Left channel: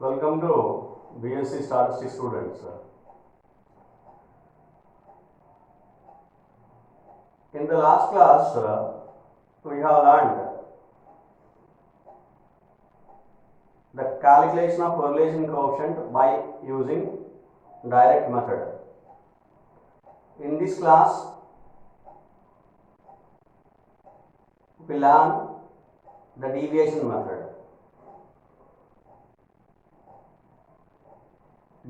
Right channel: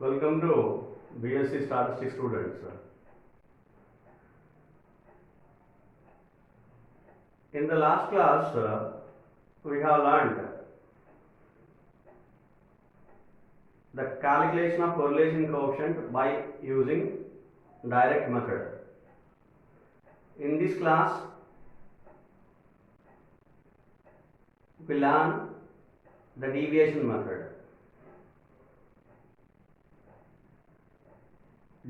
Welcome to BSc Statistics students. In the last class, we have learned the calculation of correlation coefficient by using direct method. In this class, we learn the deviation method.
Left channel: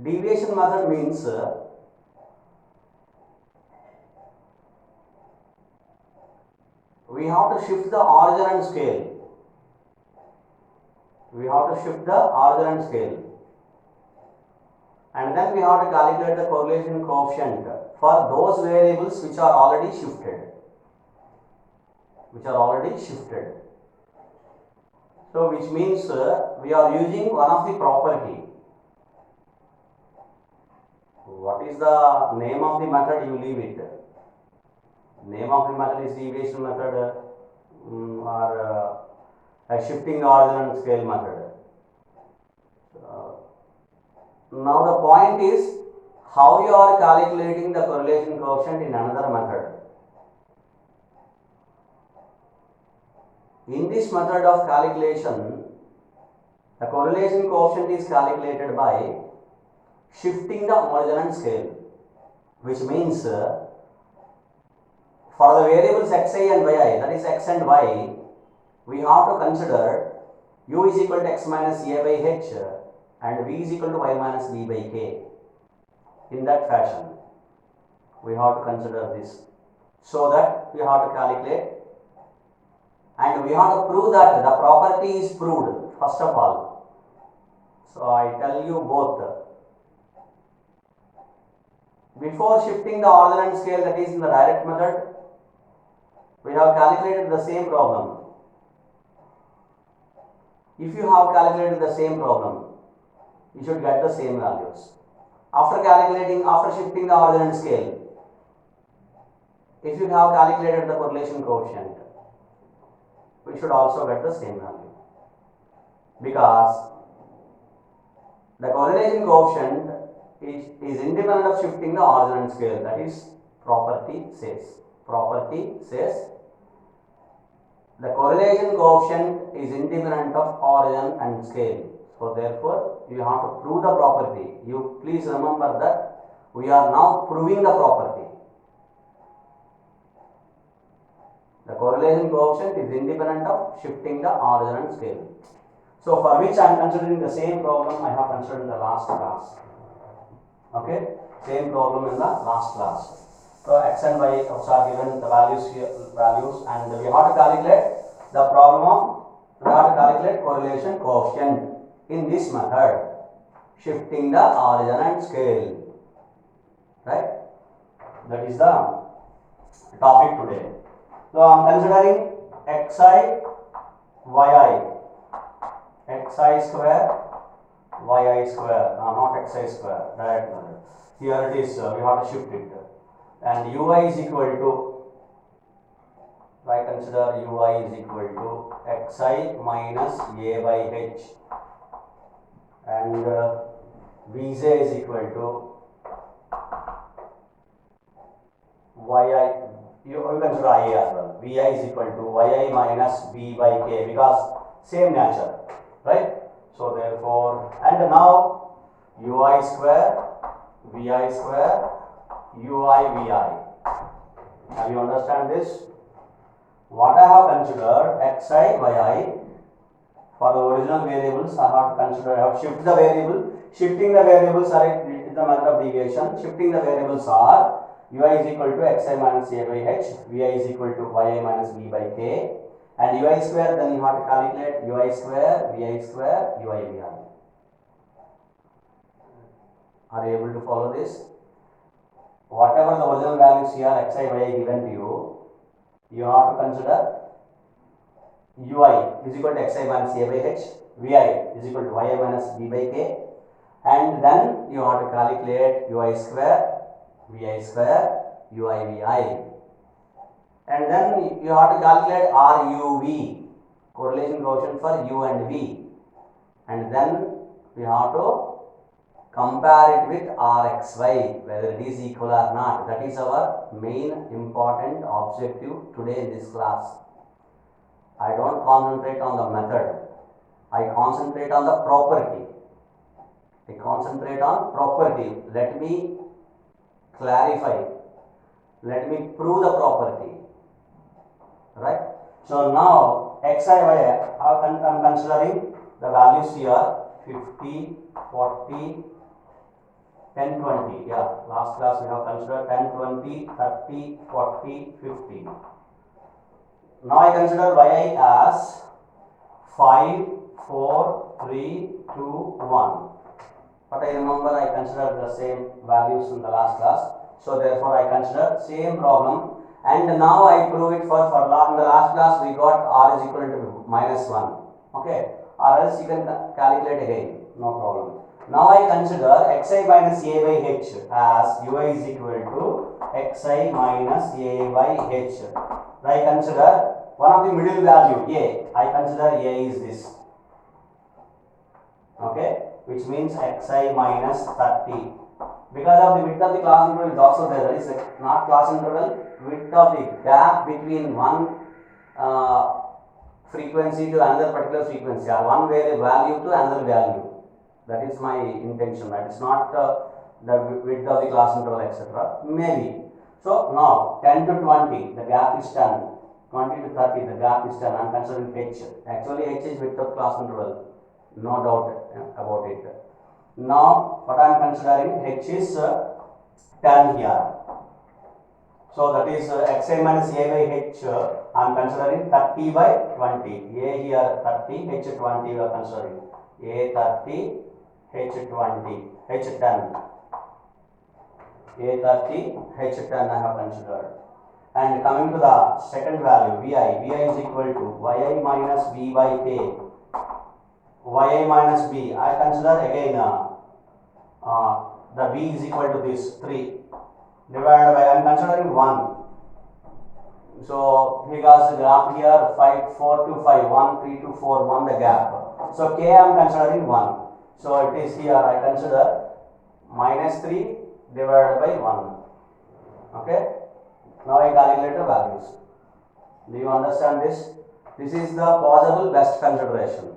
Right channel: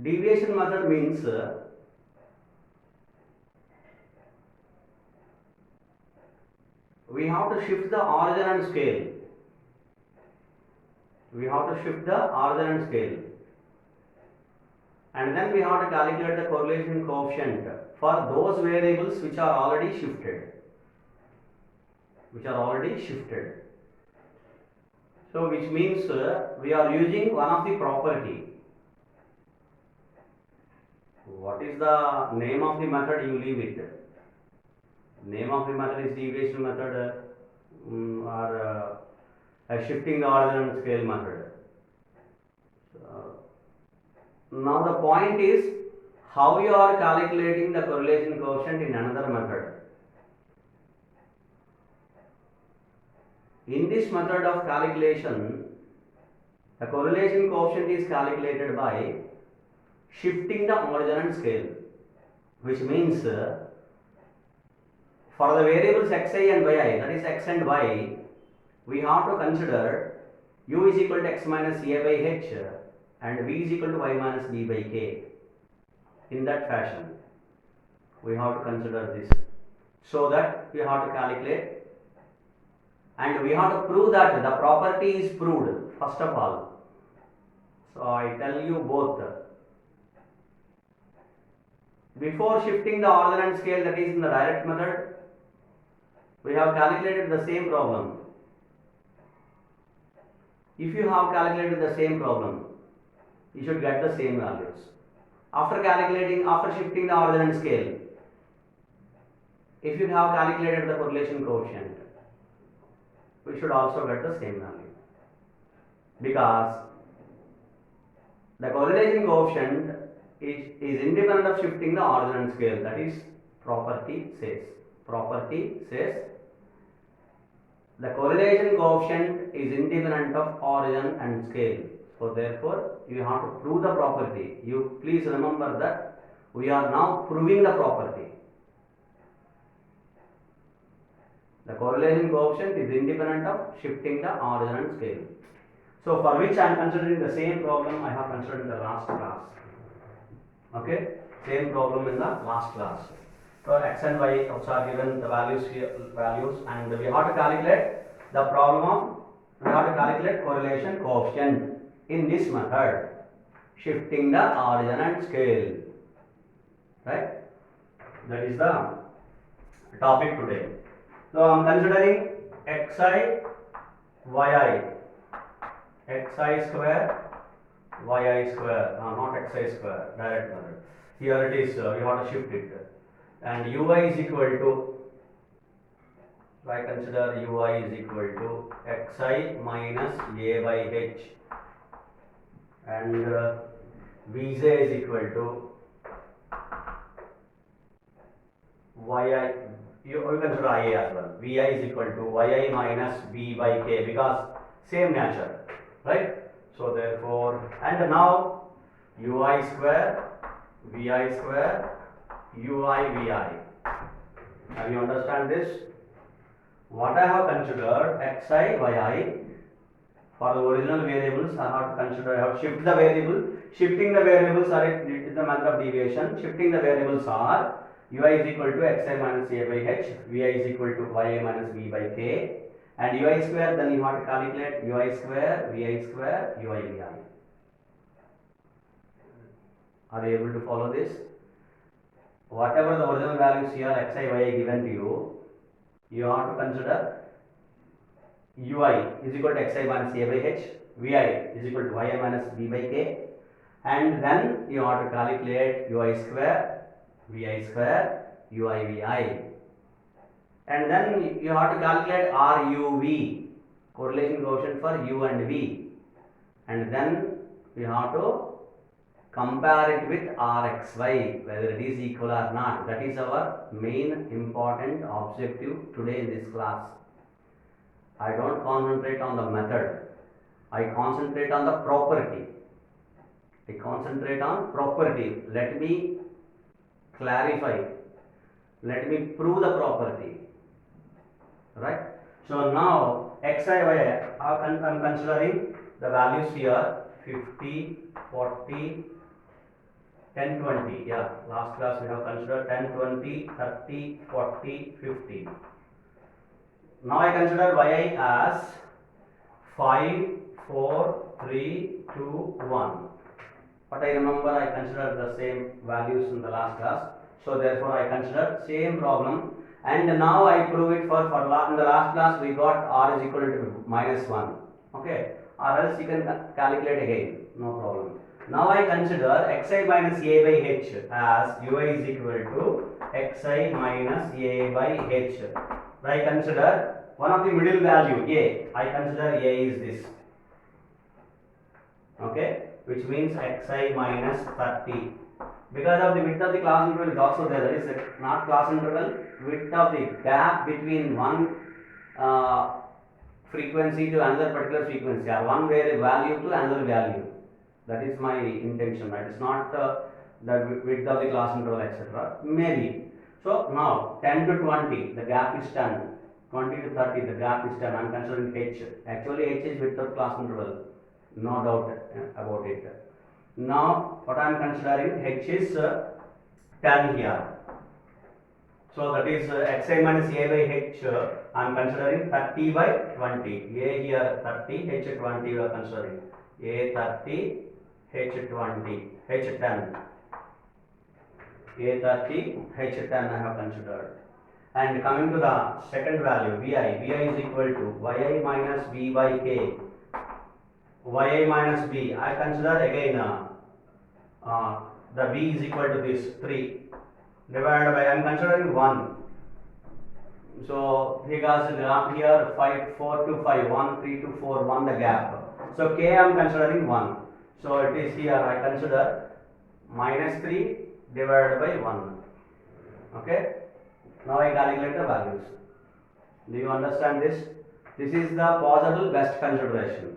Deviation method means we have to shift the origin and scale. We have to shift the origin and scale, and then we have to calculate the correlation coefficient for those variables which are already shifted. So which means we are using one of the property. What is the name of the method? You leave it. Name of the method is deviation method or shifting the origin and scale method. Now the point is how you are calculating the correlation coefficient in another method. In this method of calculation, the correlation coefficient is calculated by shifting the origin and scale, which means for the variables xi and yi, that is x and y, we have to consider u is equal to x minus a by h and v is equal to y minus b by k. In that fashion, we have to consider this, so that we have to calculate, and we have to prove that the property is proved first of all. So I tell you both. Before shifting the origin and scale, that is in the direct method, we have calculated the same problem. If you have calculated the same problem, you should get the same values. After shifting the origin and scale, if you have calculated the correlation coefficient, we should also get the same value, because the correlation coefficient is independent of shifting the origin and scale. That is, property says the correlation coefficient is independent of origin and scale. So therefore, you have to prove the property. You please remember that we are now proving the property. The correlation coefficient is independent of shifting the origin and scale. So for which I am considering the same problem I have considered in the last class. Okay, same problem in the last class. So x and y are given the values and we have to calculate the correlation coefficient in this method, shifting the origin and scale. Right? That is the topic today. So I am considering xi square yi square, not xi square, direct method. Here it is, we have to shift it, and ui is equal to, I consider ui is equal to xi minus a by h, and vj is equal to yi, you consider ia as well, vi is equal to yi minus b by k, because same nature, right? So therefore, and now ui square, vi square, ui vi. Now you understand this? What I have considered xi, yi for the original variables, I have to consider, I have shift the variable. Shifting the variables are it is the method of deviation. Shifting the variables are ui is equal to xi minus a by h, vi is equal to yi minus b by k, and ui square, then you have to calculate ui square, vi square, ui vi. Are you able to follow this? Whatever the original values here xi, yi given to you, you have to consider ui is equal to xi minus a by h, vi is equal to yi minus b by k, and then you have to calculate ui square, vi square, ui vi, and then you have to calculate RUV, correlation coefficient for u and v, and then we have to compare it with Rxy, whether it is equal or not. That is our main important objective today in this class. I don't concentrate on the method, I concentrate on the property. I concentrate on property. Let me clarify, let me prove the property, right? So now xi y, I am considering the values here 50, 40, 10, 20. Yeah, last class we have considered 10, 20, 30, 40, 50. Now I consider yi as 5, 4, 3, 2, 1. But I remember I considered the same values in the last class. So therefore I consider same problem, and now I prove it for in the last class we got r is equal to -1. Okay, or else you can calculate again, no problem. Now I consider xi minus a by h as ui is equal to xi minus a by h. I consider one of the middle value a. I consider a is this. Okay, which means xi minus 30. Because of the width of the class interval is also there. That is not class interval, width of the gap between one frequency to another particular frequency, or one value to another value. That is my intention. That is not the width of the class interval, etc. Maybe. So now 10 to 20, the gap is 10. 20 to 30, the gap is 10. I am considering h. Actually, h is width of class interval. No doubt about it. Now what I am considering, h is 10 here. So that is xi minus a by h. I am considering 30 by 20. A here 30, h 20 we are considering. A 30, h 20, h 10. A 30, h 10 I have considered. And coming to the second value, vi is equal to yi minus b by k. Yi minus b, I consider again the b is equal to this 3 divided by, I am considering 1. So because the gap here 5, 4 to 5, 1, 3 to 4, 1 the gap. So k I am considering 1. So it is here I consider minus 3 divided by 1. Okay. Now I calculate the values. Do you understand this? This is the possible best consideration.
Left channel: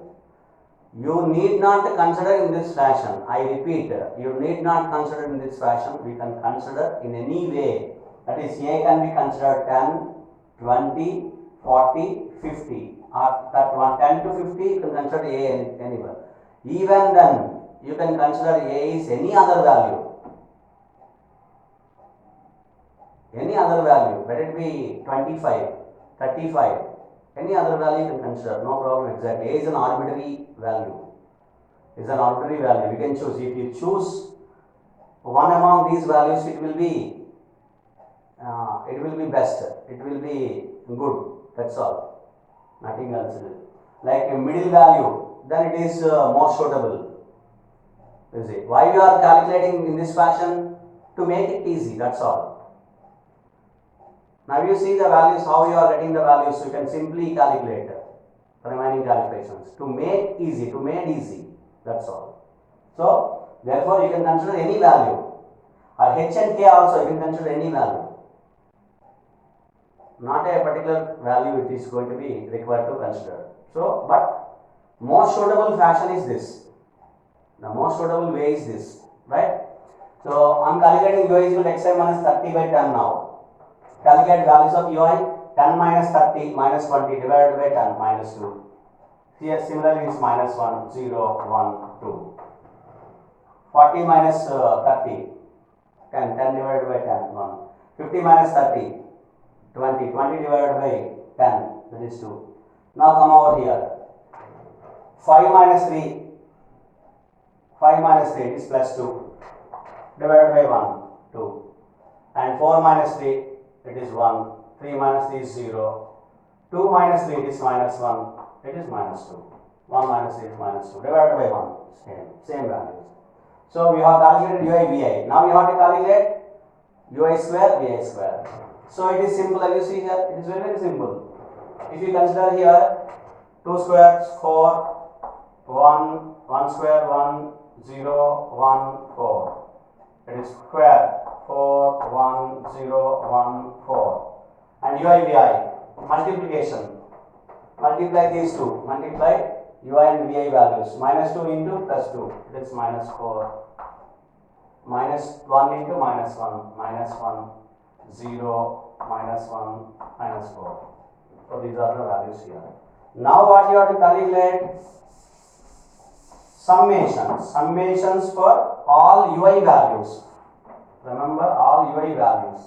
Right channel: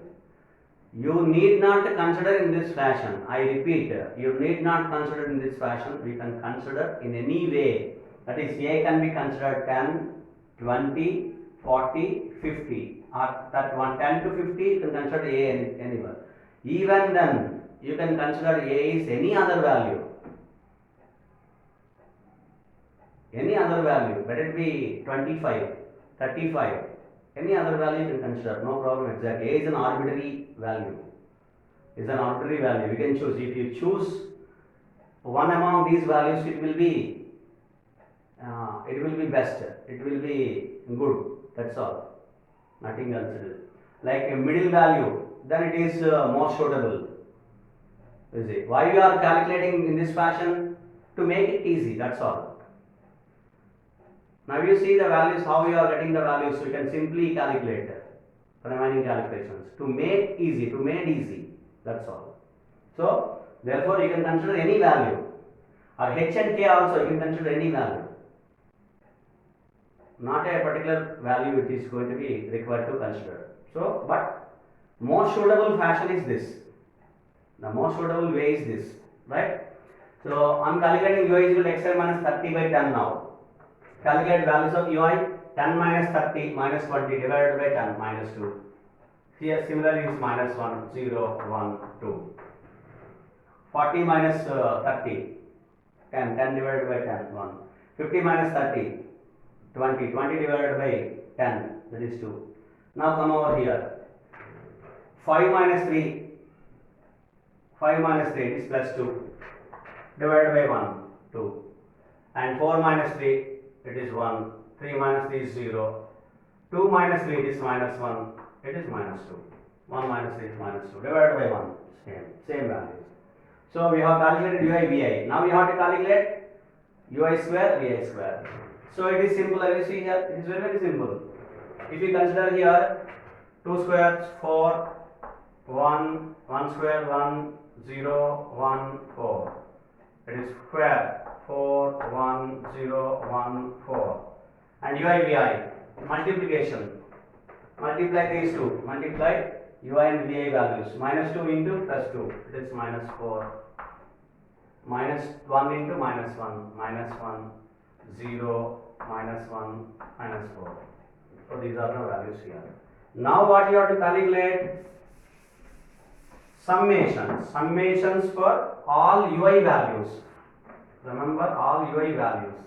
You need not consider in this fashion. I repeat, you need not consider in this fashion. We can consider in any way. That is, a can be considered 10, 20, 40, 50. Or that one 10 to 50, you can consider a anywhere. Even then, you can consider a is any other value. Any other value, let it be 25, 35. Any other value you can consider, no problem exactly. A is an arbitrary value. Is an arbitrary value. You can choose. If you choose one among these values, it will be best. It will be good. That's all. Nothing else. Like a middle value, then it is more suitable. You see. Why we are calculating in this fashion? To make it easy. That's all. Now you see the values, how you are getting the values, so you can simply calculate remaining calculations. To make easy, that's all. So therefore you can consider any value, or h and k also you can consider any value. Not a particular value it is going to be required to consider. So, but most suitable fashion is this. The most suitable way is this, right? So I am calculating ui is equal to xi minus 30 by 10 now. Calculate values of ui, 10 minus 30 minus 20 divided by 10 minus 2. Here similarly is minus 1, 0, 1, 2. 40 minus 30, 10, 10 divided by 10, 1. 50 minus 30, 20, 20 divided by 10, that is 2. Now come over here. 5 minus 3, 5 minus 3 is plus 2, divided by 1, 2. And 4 minus 3, it is 1, 3 minus 3 is 0, 2 minus 3 is minus 1, it is minus 2, 1 minus 3 is minus 2, divided by 1, same values. So we have calculated ui vi. Now we have to calculate ui square vi square. So it is simple, as you see here, it is very simple. If you consider here 2 squares 4, 1 square 1 0 1 4. It is square 4 1 0 1 4. And ui vi multiplication. Multiply these two. Multiply ui and vi values. Minus 2 into plus 2. It is minus 4. Minus 1 into minus 1. Minus 1 0 minus 1 minus 4. So these are the values here. Now what you have to calculate? Summations for all ui values. Remember all ui values.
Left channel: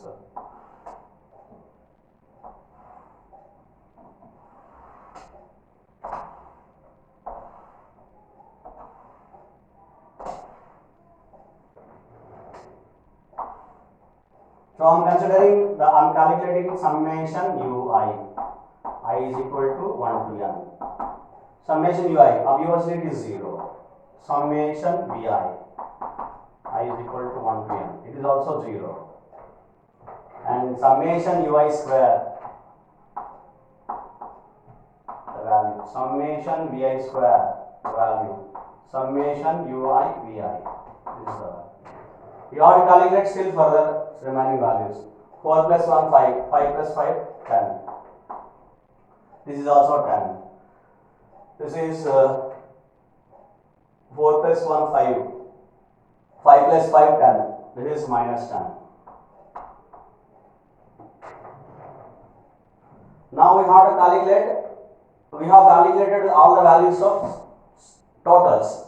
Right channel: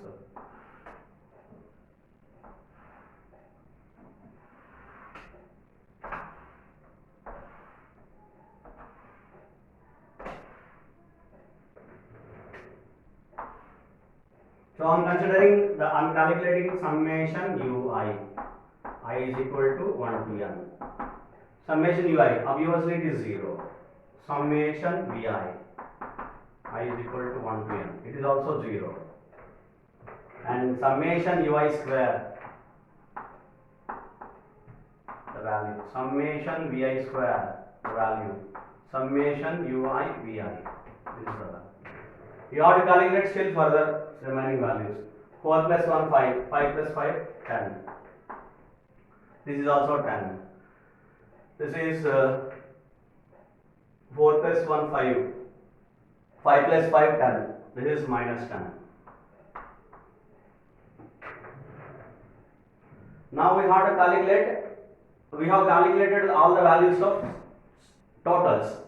So I'm calculating summation ui. I is equal to 1 to n. Summation ui, obviously it is 0. Summation vi, I is equal to 1 to n. It is also 0. And summation ui square, the value. Summation vi square, the value. Summation ui vi. This is the value. You have to calculate still further remaining values. 4 plus 1 5, 5 plus 5 10. This is also 10. This is 4 plus 1 5, 5 plus 5 10. This is minus 10. Now we have to calculate. We have calculated all the values of totals,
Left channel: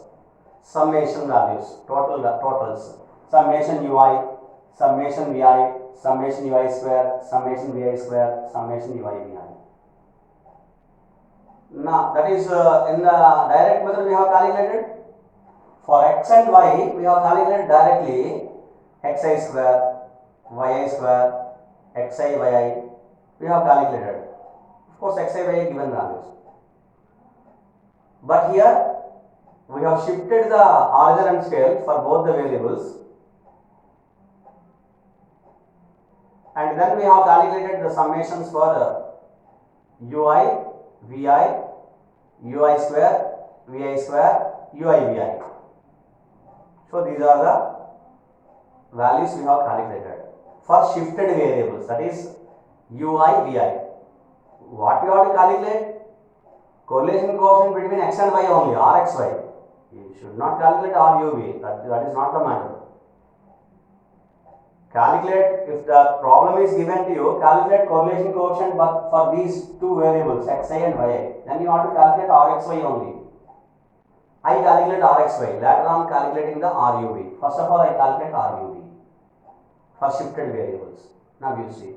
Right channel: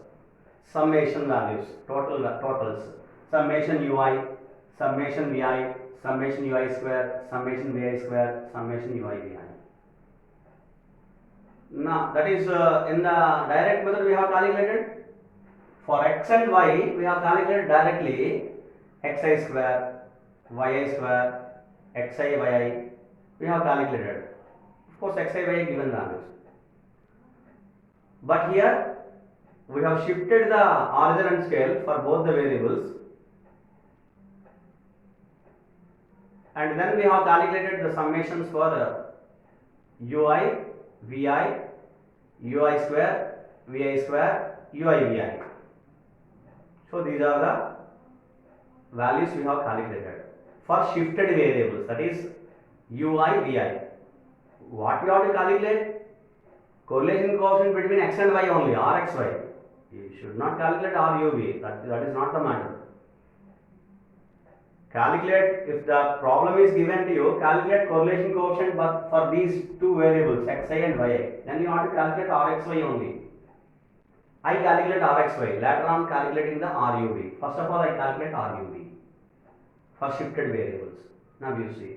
summation values, totals. Summation ui, summation vi, summation ui square, summation vi square, summation ui vi. Now that is in the direct method we have calculated. For x and y we have calculated directly xi square, yi square, xi yi. We have calculated. Of course xi yi given values. But here we have shifted the origin and scale for both the variables. And then we have calculated the summations for ui, vi, ui square, vi square, ui vi. So these are the values we have calculated for shifted variables, that is ui, vi. What you have to calculate? Correlation coefficient between x and y only, rxy. You should not calculate rub, that is not the matter. Calculate, if the problem is given to you, calculate correlation coefficient for these two variables xi and yi. Then you want to calculate rxy only. I calculate rxy, later on calculating the rub. First of all I calculate rub for shifted variables. Now you see.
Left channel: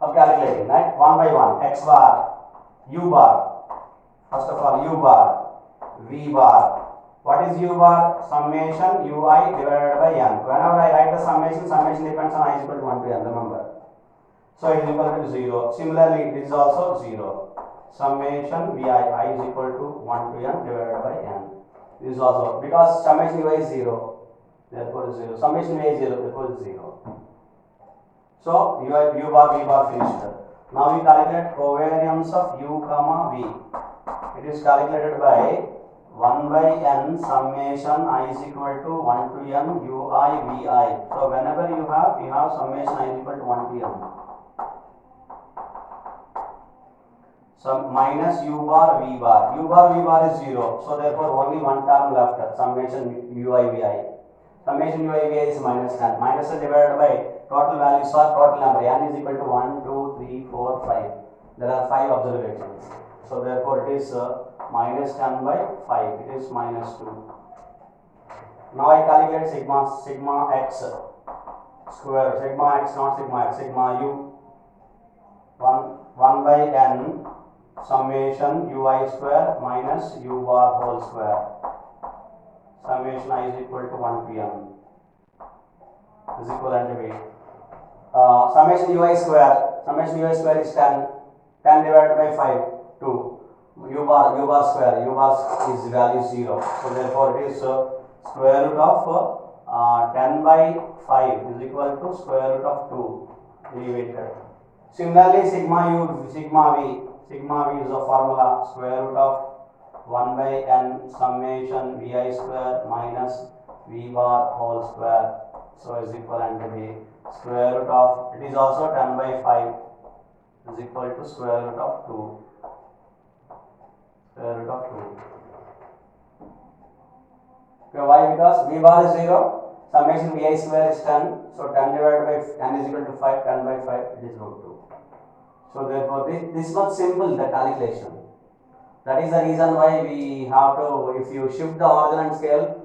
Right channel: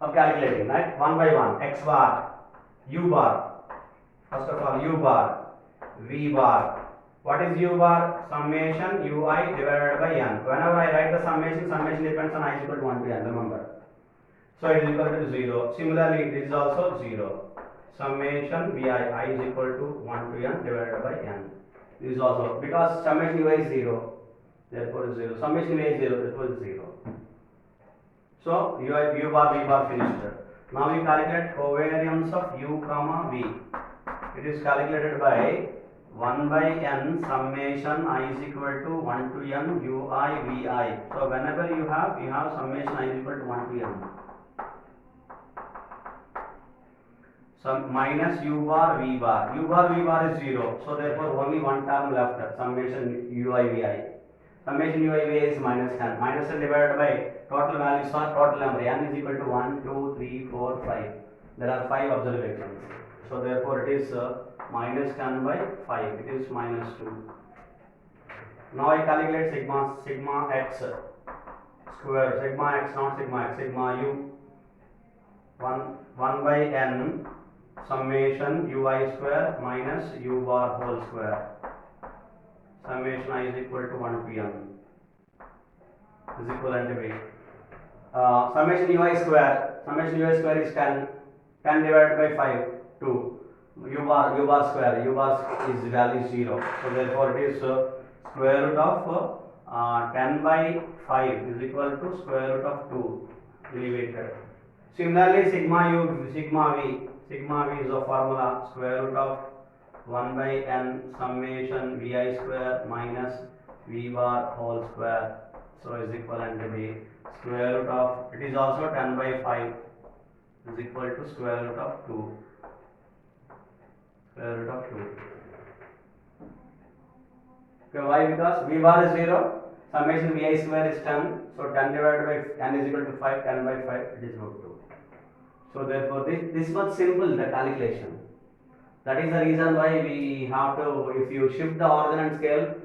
Of calculating, right? One by one, x bar, u bar. First of all, u bar, v bar. What is u bar? Summation ui divided by n. Whenever I write the summation depends on I is equal to 1 to n, remember. So it is equal to 0. Similarly, it is also 0. Summation vi, I is equal to 1 to n divided by n. This is also, because summation ui is 0, therefore it is 0. Summation vi is 0, therefore it is 0. So u bar, v bar finished. Now we calculate covariance of u comma v. It is calculated by 1 by n summation I is equal to 1 to n ui vi. So whenever you have summation I is equal to 1 to n. So minus u bar v bar. U bar v bar is 0. So therefore only one term left, summation ui vi. Summation ui vi is minus 10. Minus 10 divided by total values for total number. N is equal to 1, 2, 3, 4, 5. There are 5 observations. So therefore it is minus 10 by 5. It is minus 2. Now I calculate sigma x square. Sigma x, not sigma x. Sigma u. 1 by n summation ui square minus u bar whole square. Summation I is equal to 1 to n. Is equivalent to v. Summation ui square. Summation ui square is 10. 10 divided by 5, 2. U bar square. U bar is value 0. So therefore it is square root of 10 by 5 is equal to square root of 2. Leave it. Similarly, sigma u, sigma v. Sigma v is a formula square root of 1 by n summation vi square minus v bar whole square, so is equivalent to the square root of, it is also 10 by 5 is equal to square root of 2, square root of 2. Okay, why? Because v bar is 0, summation vi square is 10, so 10 divided by n is equal to 5, 10 by 5 it is root 2. So therefore this much simple the calculation. That is the reason why we have to, if you shift the origin scale,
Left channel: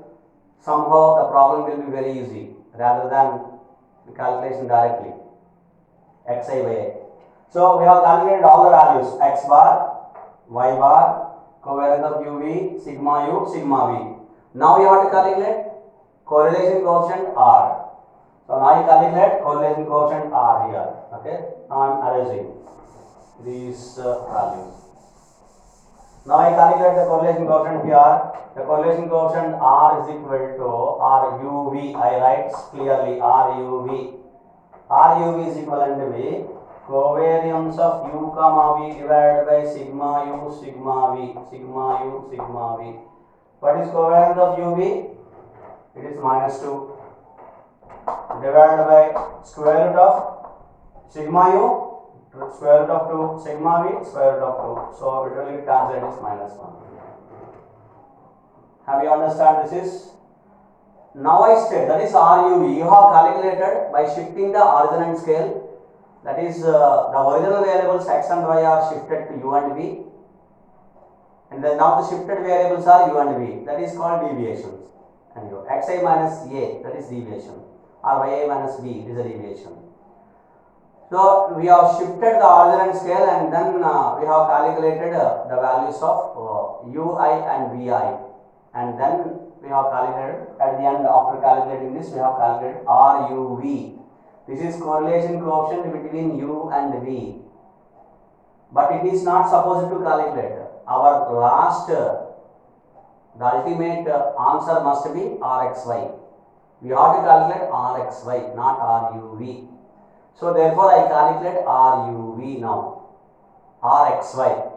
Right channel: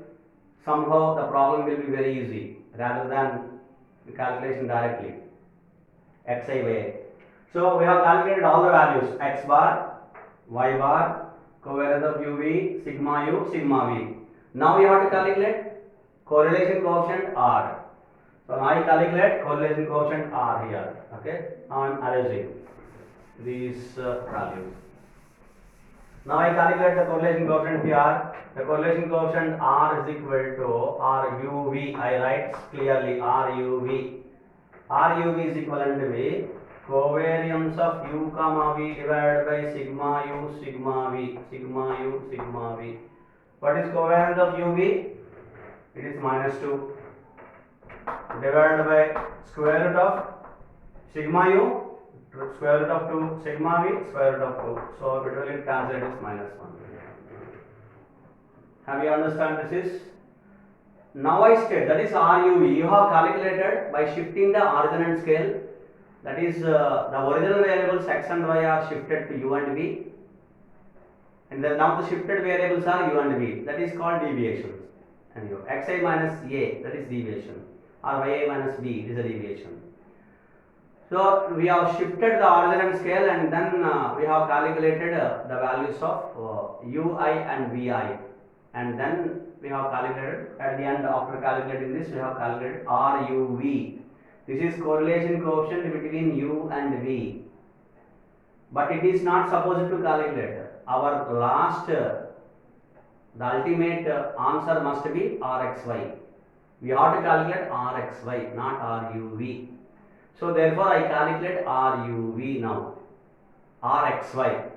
somehow the problem will be very easy rather than the calculation directly, xi by a. So we have calculated all the values, x bar, y bar, covariance of uv, sigma u, sigma v. Now we have to calculate correlation coefficient r. So now I calculate correlation coefficient r here. Okay, now I am arranging these values. Now I calculate the correlation coefficient here. The correlation coefficient r is equal to RUV. I write clearly RUV. RUV is equivalent to V covariance of u comma v divided by sigma u sigma v, sigma u sigma v. What is covariance of uv? It is minus 2 divided by square root of sigma u, square root of 2, sigma v, square root of 2. So it will cancel, it is minus 1. Have you understand this is? Now I state that is RUV. You have calculated by shifting the origin and scale. That is the original variables x and y are shifted to u and v. And then now the shifted variables are u and v. That is called deviations. And xi minus a, that is deviation. Or yi minus b is a deviation. So we have shifted the origin and scale, and then we have calculated the values of ui and vi, and then we have calculated at the end, after calculating this, we have calculated RUV. This is correlation coefficient between u and v, but it is not supposed to calculate. Our last, the ultimate answer must be RXY. We have to calculate RXY, not RUV. So therefore I calculate RUV now. RXY.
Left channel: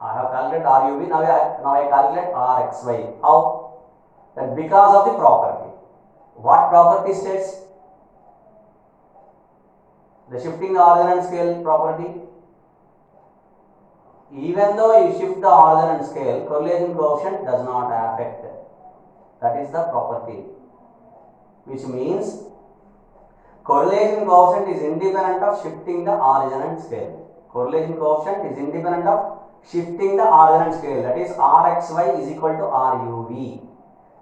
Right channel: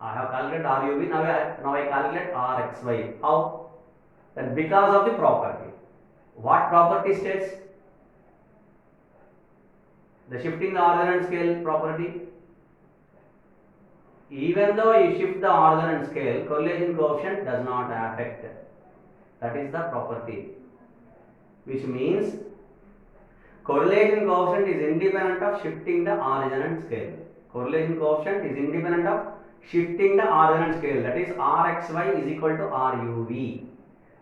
I have calculated RUV, now I calculate RXY. How? That because of the property. What property states? The shifting the origin and scale property. Even though you shift the origin and scale, correlation coefficient does not affect. That is the property. Which means correlation coefficient is independent of shifting the origin and scale. Correlation coefficient is independent of shifting the origin and scale. That is RXY is equal to RUV.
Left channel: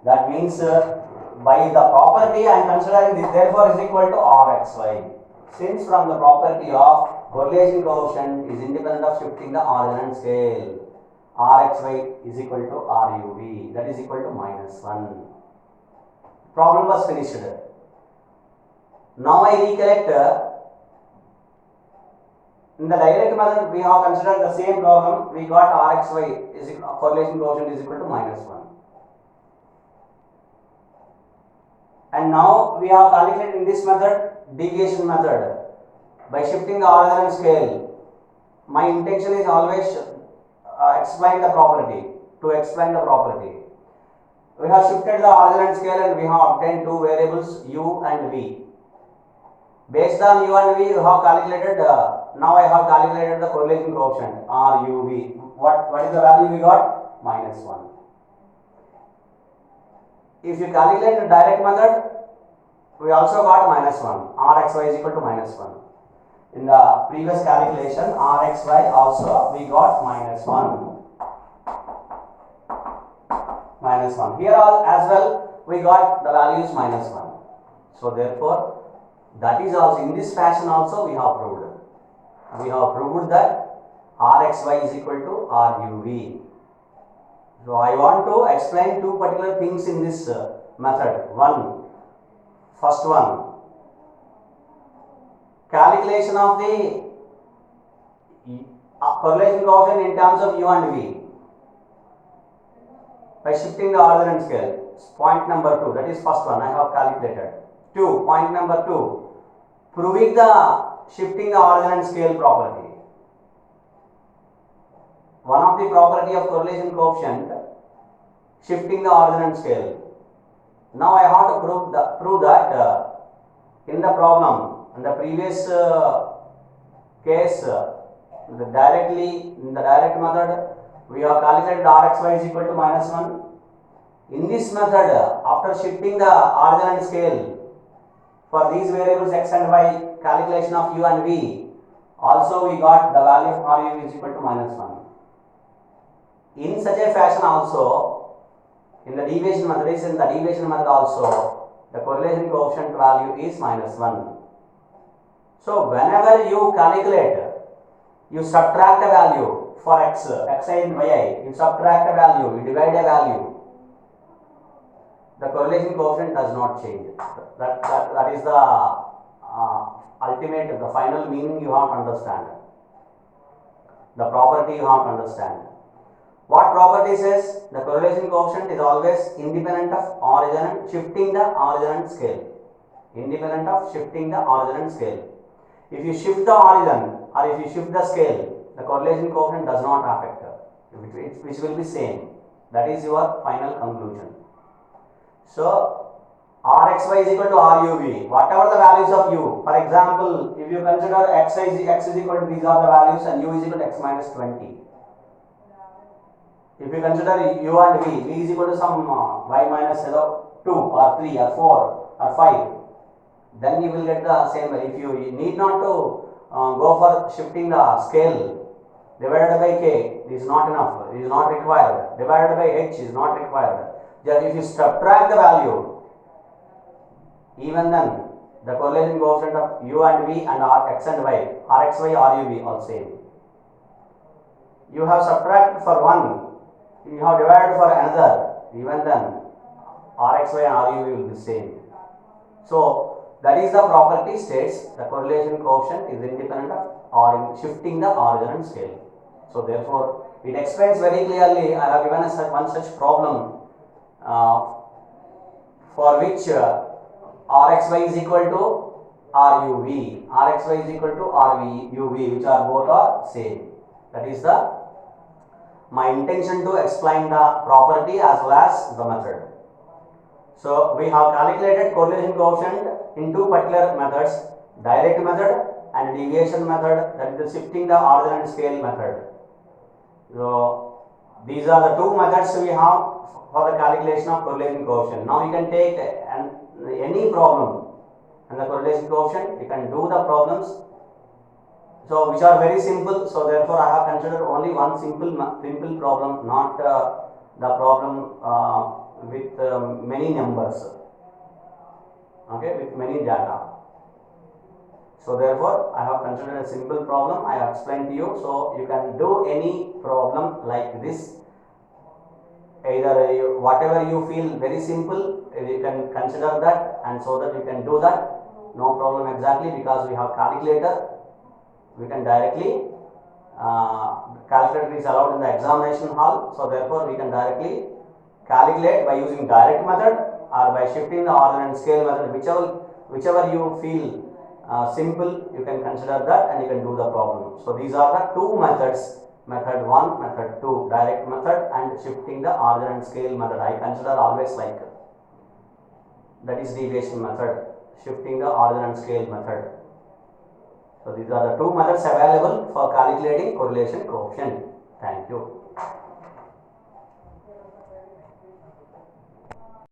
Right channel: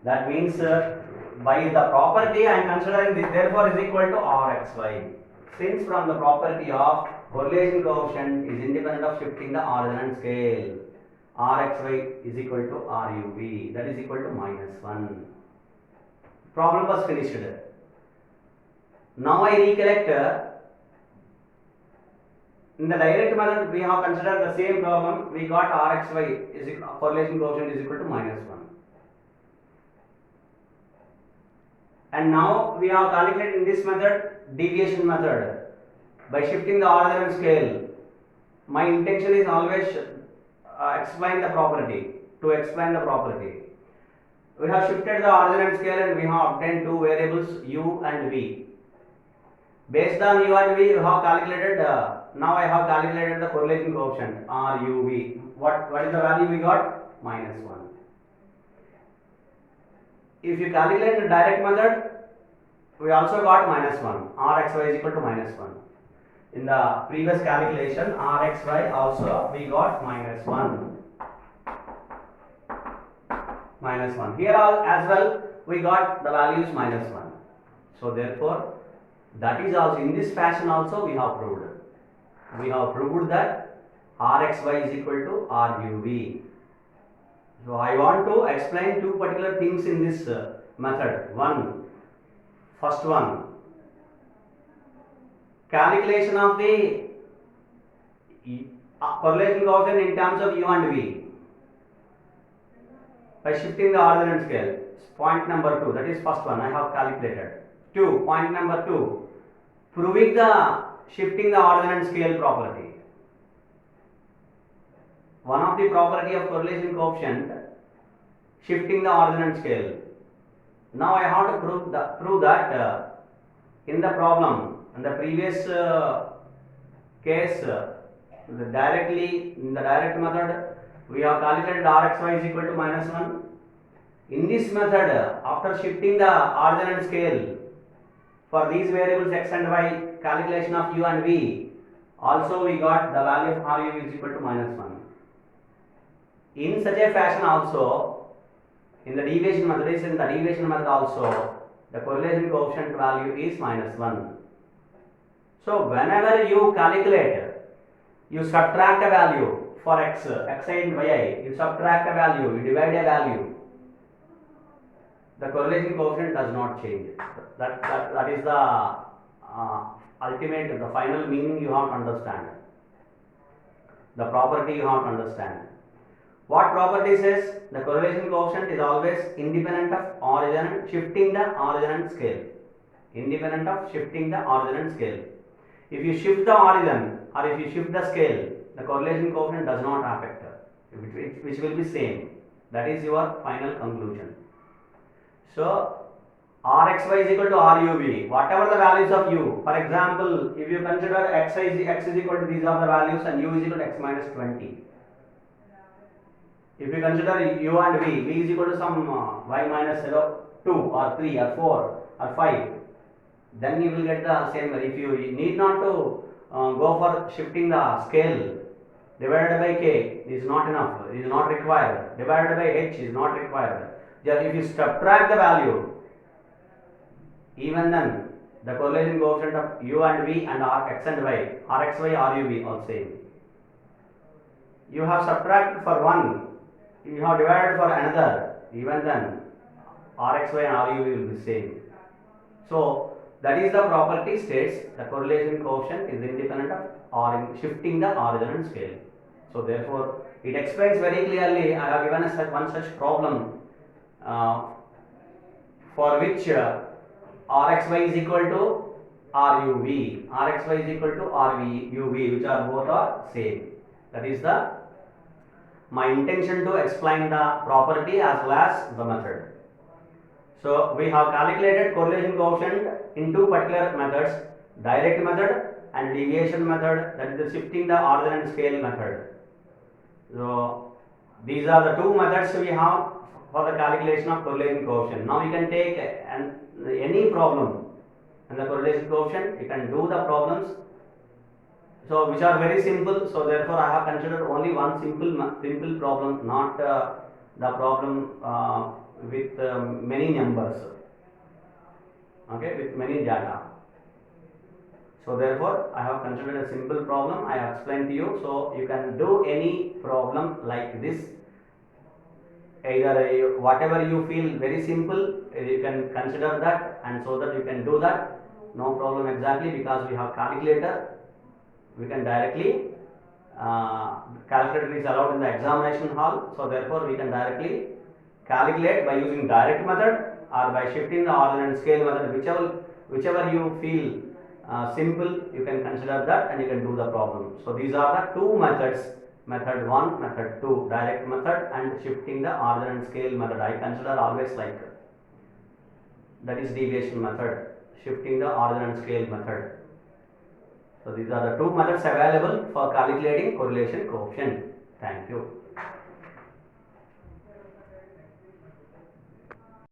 That means by the property I am considering this, therefore is equal to RXY. Since from the property of correlation coefficient is independent of shifting the origin and scale, RXY is equal to RUV. That is equal to minus 1. Problem was finished. Now I recollect. In the direct method we have considered the same problem. We got RXY is correlation coefficient is equal to minus 1. And now we have calculated in this method, deviation method, by shifting the origin and scale. My intention is always explain the property, to explain the property. We have shifted the origin and scale and we have obtained two variables u and v. Based on u and v, you have calculated, now I have calculated the correlation coefficient RUV. What is the value we got? Minus 1. If you calculate the direct method, we also got minus 1. RXY is equal to minus 1. In the previous calculation, RXY also we got minus 1. Minus 1. Here as well we got the values minus 1. So therefore, that is also in this fashion also we have proved. We have proved that RXY is equal to RUV. So I want to explain two particular things in this method. First one, calculation of the correlation coefficient in terms of u and v by shifting the origin and scale. Point number 2, that is first one I have calculated. Point number 2, proving the shifting the origin and scale property. One of not the property of correlation coefficient shifting the origin and scale. Now I have to prove that in the problem, in the previous case, in the direct method, we have calculated Rxy is equal to -1. In this method, after shifting the origin and scale for these variables x and y, calculation of u and v, also we got the value of Ru is equal to -1. In such a fashion also, in the deviation method also, the correlation coefficient value is -1. So whenever you calculate, you subtract a value for x, xi and yi, you subtract a value, you divide a value, the correlation coefficient does not change. That is the ultimate, the final meaning you have to understand. The property you have to understand. What property says? The correlation coefficient is always independent of origin and shifting the origin and scale. Independent of shifting the origin and scale. If you shift the origin or if you shift the scale, the correlation coefficient does not affect, which will be same. That is your final conclusion. So Rxy is equal to Ruv, whatever the values of u. For example, if you consider x is equal to these are the values and u is equal to x minus 20. If you consider u and v is equal to some y minus 2 or 3 or 4 or 5, then you will get the same value. If you need not to go for shifting the scale, divided by k is not enough, is not required, divided by h is not required. Just if you subtract the value, even then the correlation coefficient of u and v and x and y, Rxy, Ruv all same. You have subtracted for one, you have divided for another, even then Rxy and Ruv will be same. So that is the property states the correlation coefficient is independent of shifting the origin and scale. So therefore it explains very clearly. I have given us one such problem for which Rxy is equal to Ruv, Rxy is equal to Ruv, which are both are same. That is my intention to explain the property as well as the method. So we have calculated correlation coefficient in two particular methods, direct method and deviation method, that is the shifting the origin and scale method. So these are the two methods we have for the calculation of correlation coefficient. Now you can take any problem and the correlation coefficient, you can do the problems, so which are very simple. So therefore I have considered only one simple problem, not the problem with many numbers, okay, with many data. So therefore I have considered a simple problem, I have explained to you. So you can do any problem like this, either whatever you feel very simple, you can consider that, and so that you can do that, no problem exactly, because we have calculator, we can directly calculator is allowed in the examination hall. So therefore we can directly calculate by using direct method or by shifting the origin and scale method, whichever you feel simple, you can consider that and you can do the problem. So these are the two methods, method 1, method 2, direct method and shifting the origin and scale method. I consider always like that is deviation method, shifting the origin and scale method. So these are the two methods available for calculating correlation coefficient. Thank you.